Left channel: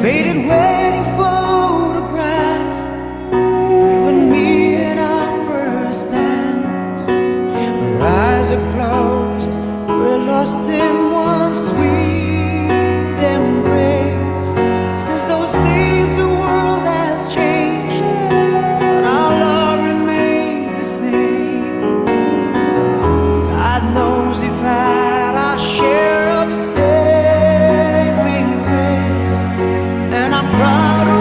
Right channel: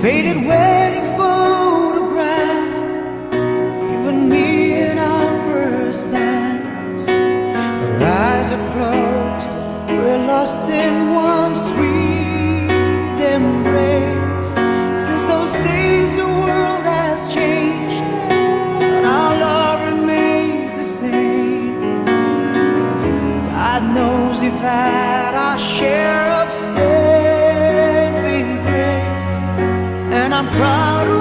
faded wedding photograph, you and me in our first dance. Our eyes are closed, we're lost in one sweet embrace. Since those days the world has changed, but our love remains the same. God knows we've had our share of saving grace, and I'm proud of